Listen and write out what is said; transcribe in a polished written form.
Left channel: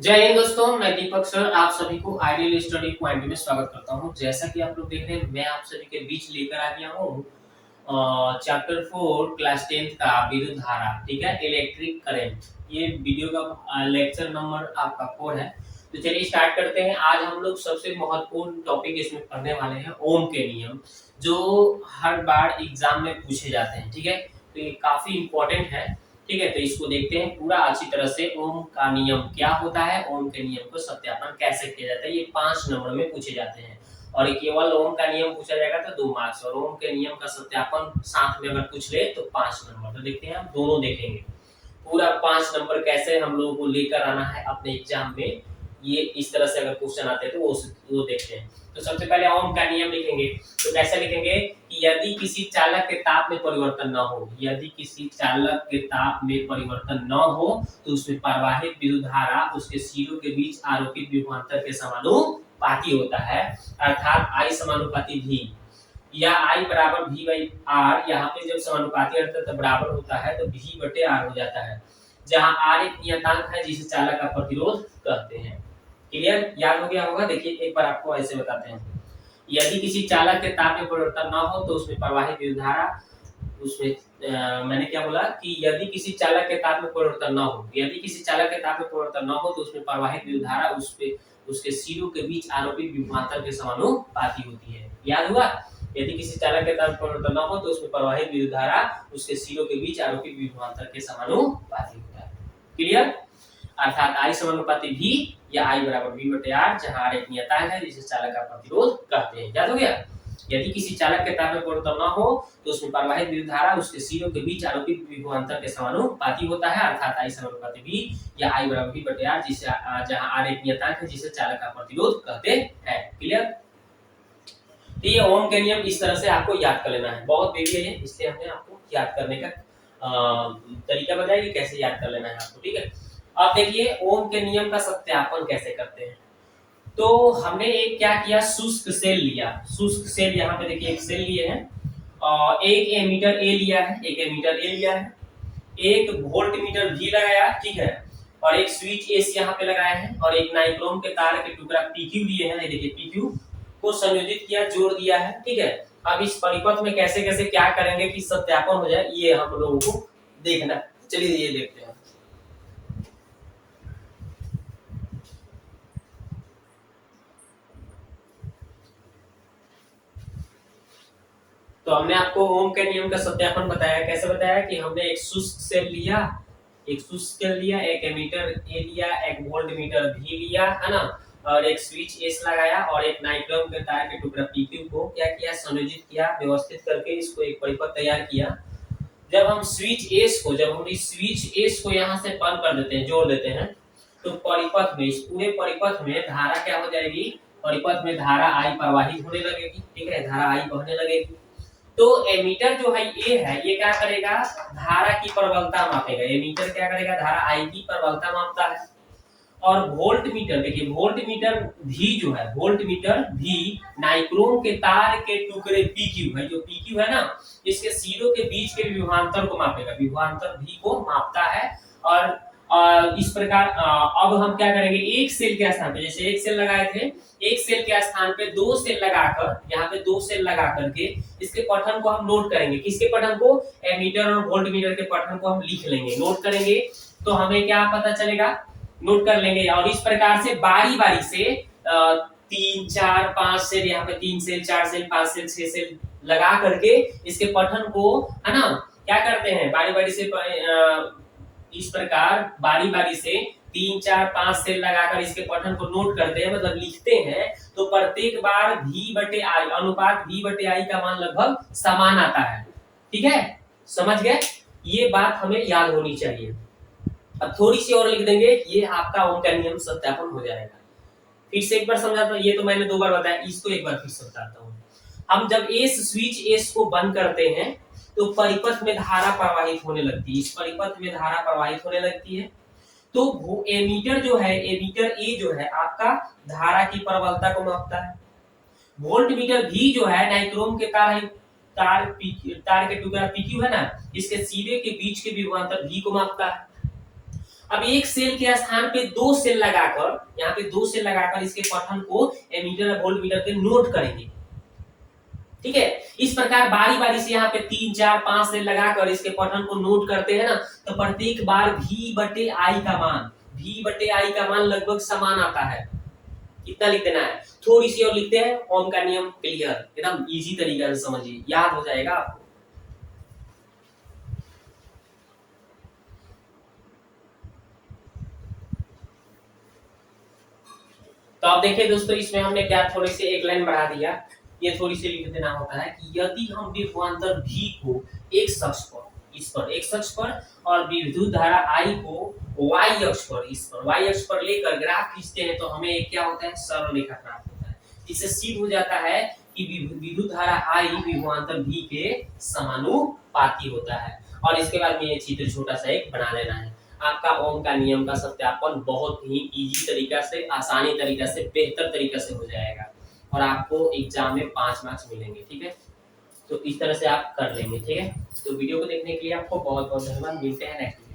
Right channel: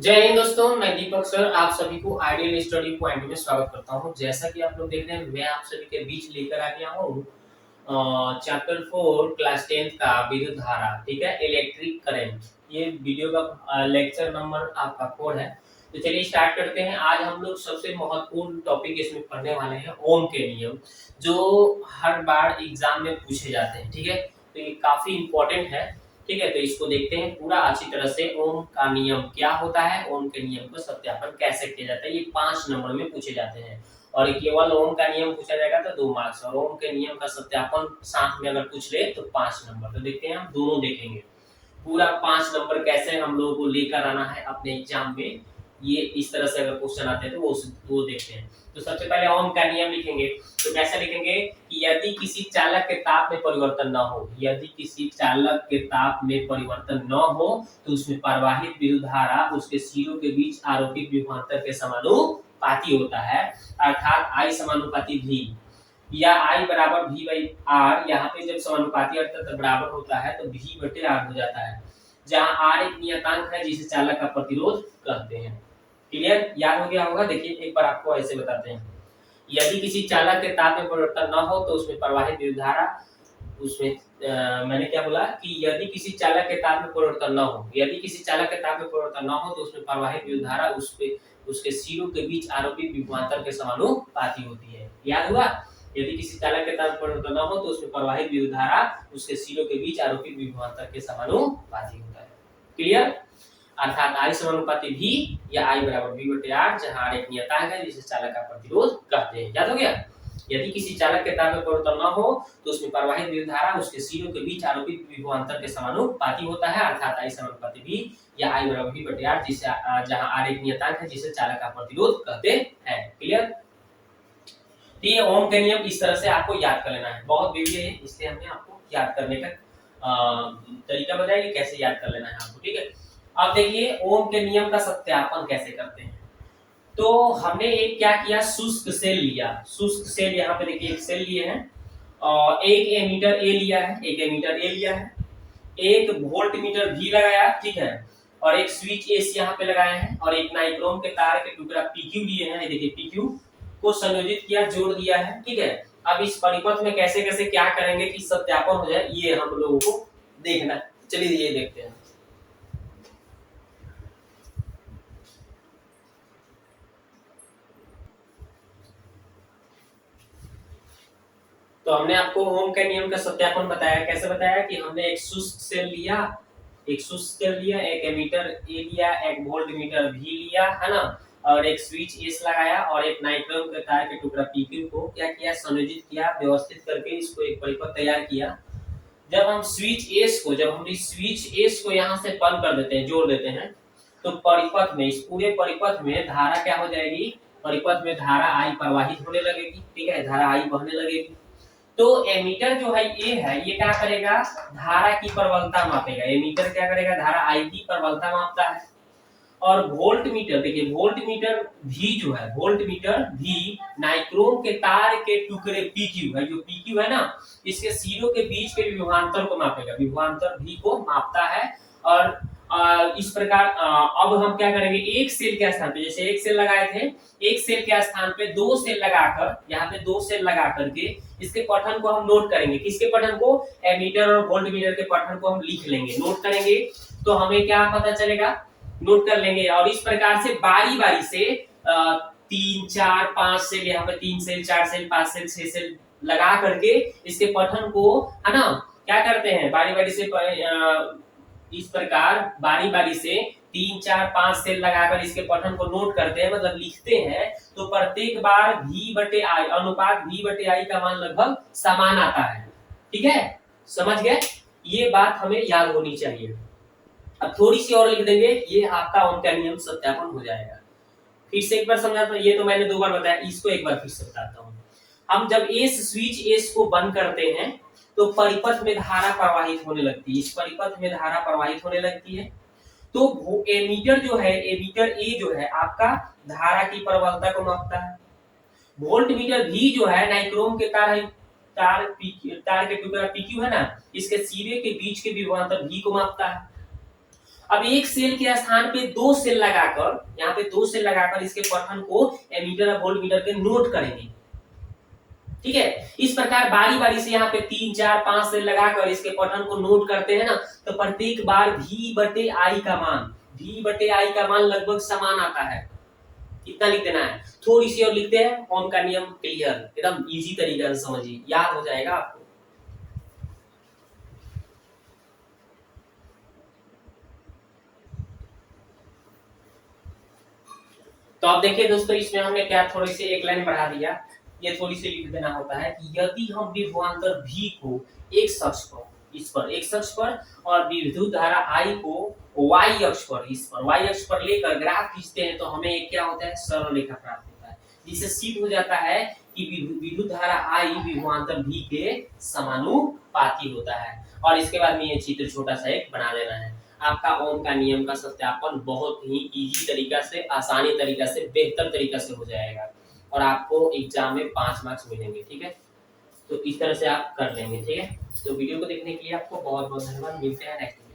जय हिंद दोस्तों, मैं दीपक सर आप सभी को आइडियल स्टडी पॉइंट में स्वागत करता हूं। जैसा कि आप लोग देख रहे हैं, मैं आप सभी के बीच लेकर आ गया हूं चैप्टर 4 क्लास 10th का विद्युत धारा। ठीक है, इलेक्ट्रिक करंट। ये वीडियो का लेक्चर नंबर आपका 4 है। तो चलिए स्टार्ट करते हैं। आज हम लोग सबसे महत्वपूर्ण टॉपिक इसमें पढ़ने वाले हैं, ओम के नियम, जो हर बार एग्जाम में पूछे जाते हैं। ठीक है, तो ये काफी इंपॉर्टेंट है। ठीक है, तो इसको देखते हैं पूरा अच्छी तरह से। ओम का नियम क्या होता है, ओम के नियम को सत्यापन कैसे किया जाता है, ये 5 नंबर में पूछे जाते हैं। और केवल ओम का नियम पूछा जाएगा तो 2 मार्क्स, और ओम के नियम का सत्यापन साथ में अगर पूछ ले तो 5 नंबर। तो देखते हैं, हम दोनों देखेंगे पूरा 5 नंबर कैसे हम लोगों को लेकर आना है अपने एग्जाम में। ये इस तरह से अगर क्वेश्चन आते हैं तो वो देखते हैं। तो सबसे पहले ओम का नियम लिखेंगे। तो कैसे लिखेंगे कि यदि किसी चालक के ताप में परिवर्तन न हो, यदि किसी चालक के ताप में परिवर्तन न हो तो उसमें प्रवाहित विद्युत धारा उसके सिरों के बीच आरोपित विभवांतर के समानुपाती होता है, अर्थात I समानुपाती V, या I बराबर V बाई R। यहाँ पे जब समानुपाती अर्थात बराबर होता है तो V बटे R हो जाता है, जहाँ R एक नियतांक है जिसे चालक का प्रतिरोध कहते हैं। क्लियर, याद हो गया होगा। देखिए एक बार आपको ऐसे बताते हैं। यदि किसी चालक के ताप में परिवर्तन न हो तो उसमें प्रवाहित विद्युत धारा उसमें मैंने क्या बोला कि यदि किसी चालक के ताप में परिवर्तन न हो, यदि किसी चालक के ताप में परिवर्तन न हो तो उसमें प्रवाहित विद्युत धारा उसके सिरों के बीच आरोपित विभवांतर के समानुपाती होती है। याद हुआ, यदि किसी चालक के ताप में परिवर्तन न हो तो उसमें प्रवाहित विद्युत धारा उसके सिरों के बीच आरोपित विभवांतर के समानुपाती होता है। क्लियर, अर्थात I समानुपाती V या I बराबर V बटे R, जहां R एक नियतांक है जिसे चालक का प्रतिरोध कहते हैं। याद हो गया। यदि किसी चालक के ताप में परिवर्तन न हो तो उसमें प्रवाहित विद्युत धारा उसके सिरों के बीच आरोपित विभवांतर के समानुपाती होता है, अर्थात I समानुपाती V या I बराबर V बटे R, जिसे जहां R एक नियतांक है जिसे चालक का प्रतिरोध कहते हैं। क्लियर, ये ओम के नियम इस तरह से आपको याद कर लेना है। बहुत बेबी है, इसलिए हमने आपको याद करने का तरीका बताया कि कैसे याद कर लेना है आपको। ठीक है, अब देखिए ओम के नियम का सत्यापन कैसे करते हैं। तो हमने एक क्या किया, शुष्क सेल लिया। शुष्क सेल, यहाँ पे देखिए एक सेल लिए हैं और एक एमीटर ए लिया है, एक एमीटर ए लिया है, एक वोल्ट मीटर भी लगाया, ठीक है, और एक स्विच एस यहाँ पे लगाए हैं, और एक नाइक्रोम के तार के टुकड़ा पीक्यू लिए हैं। देखिए पीक्यू को संयोजित किया, जोड़ दिया है। ठीक है, अब इस परिपथ में कैसे कैसे क्या करेंगे कि सत्यापन हो जाए, ये हम लोगों को देखना है। चलिए ये देखते हैं। तो हमने आपको ओम के नियम का सत्यापन बताया। कैसे बताया कि हमने एक शुष्क सेल लिया, एक शुष्क सेल लिया, एक एमीटर ए लिया, एक वोल्ट मीटर भी लिया, है ना, और एक स्विच एस लगाया, और एक नाइक्रोम के तार के टुकड़ा पीक्यू को क्या किया, संयोजित किया, व्यवस्थित करके इसको एक परिपथ तैयार किया। जब हम इस स्विच एस को यहाँ से बंद कर देते हैं, जोड़ देते हैं, तो परिपथ में, इस पूरे परिपथ में धारा क्या हो जाएगी, परिपथ में धारा आई प्रवाहित होने लगेगी। ठीक है, धारा आई बहने लगेगी। तो एमीटर जो है ये है, ये क्या करेगा, धारा की प्रबलता मापेगा। एमीटर क्या करेगा, धारा आई की प्रबलता मापता है। और वोल्ट मीटर, देखिए वोल्ट मीटर भी जो है, वोल्ट मीटर भी नाइक्रोम के तार के टुकड़े पीक्यू है, जो पीक्यू है ना, इसके सिरों के बीच के विभवांतर को मापेगा, विभवांतर भी को मापता है। और इस प्रकार अब हम क्या करेंगे, एक सेल के स्थान पे, जैसे एक सेल लगाए थे, एक सेल के स्थान पे 2 सेल लगाकर, यहाँ पे 2 सेल लगा करके इसके पठन को हम नोट करेंगे। किसके पठन को, एमीटर और वोल्ट मीटर के पठन को हम लिख लेंगे, नोट करेंगे। तो हमें क्या पता चलेगा, नोट कर लेंगे। और इस प्रकार से बारी बारी से 3 4 5 सेल, यहाँ पे 3 सेल 4 सेल 5 सेल 6 सेल लगा करके इसके पठन को, है ना, क्या करते हैं, बारी बारी से इस प्रकार बारी बारी से 3 4 5 सेल लगाकर इसके पठन को नोट करते हैं, मतलब लिखते हैं। तो प्रत्येक बार V बटे आई, अनुपात V बटे आई का मान लगभग समान आता है। ठीक है, समझ गए, ये बात हमें याद होनी चाहिए। अब थोड़ी सी और लिख देंगे, ये आपका ओम का नियम सत्यापन हो जाएगा। फिर से एक बार समझाता हूँ, ये तो मैंने 2 बार बताया, इसको एक बार फिर से बताता हूँ। हम जब स्विच एस को बंद करते हैं तो परिपथ में धारा प्रवाहित होने लगती है, इस परिपथ में धारा प्रवाहित होने लगती है। तो वो एमीटर जो है, एमीटर ए जो है आपका धारा की प्रबलता को मापता है। वोल्ट मीटर भी जो है नाइक्रोम के तार के टुकड़ा पीक्यू है ना, इसके सिरे के बीच के विभवांतर भी को मापता है। अब एक सेल के स्थान पे दो सेल लगाकर, यहाँ पे दो सेल लगाकर इसके पठन को एमीटर और वोल्टमीटर के नोट करेंगे। ठीक है, इस प्रकार बारी बारी से यहाँ पे 3 4 5 सेल लगाकर इसके पठन को नोट करते हैं ना, तो प्रत्येक बार V/I का मान, V/I का मान लगभग समान आता है। इतना लिख देना है। थोड़ी सी और लिखते हैं, ओम का नियम क्लियर, एकदम इजी तरीके से समझिए, याद हो जाएगा आपको। तो आप देखिए दोस्तों, इसमें हमने क्या थोड़ी सी एक लाइन बढ़ा दिया, ये थोड़ी सी लिख देना होता है कि यदि हम विभवांतर V को एक अक्ष पर, इस पर एक अक्ष पर, और विद्युत धारा I को y अक्ष पर, इस पर y अक्ष पर लेकर ग्राफ खींचते हैं, तो हमें एक क्या होता है, सरल रेखा प्राप्त होता है, जिससे सिद्ध हो जाता है कि विद्युत धारा I विभवांतर V के समानुपाती होता है। और इसके बाद में ये चित्र छोटा सा एक बना लेना है। आपका ओम का नियम का सत्यापन बहुत ही इजी तरीका से, आसानी तरीका से, बेहतर तरीका से हो जाएगा, और आपको एग्जाम में 5 मार्क्स मिलेंगे। ठीक है, तो इस तरह से आप कर लेंगे। ठीक है, तो वीडियो को देखने के लिए आपको बहुत बहुत धन्यवाद। मिलते हैं नेक्स्ट।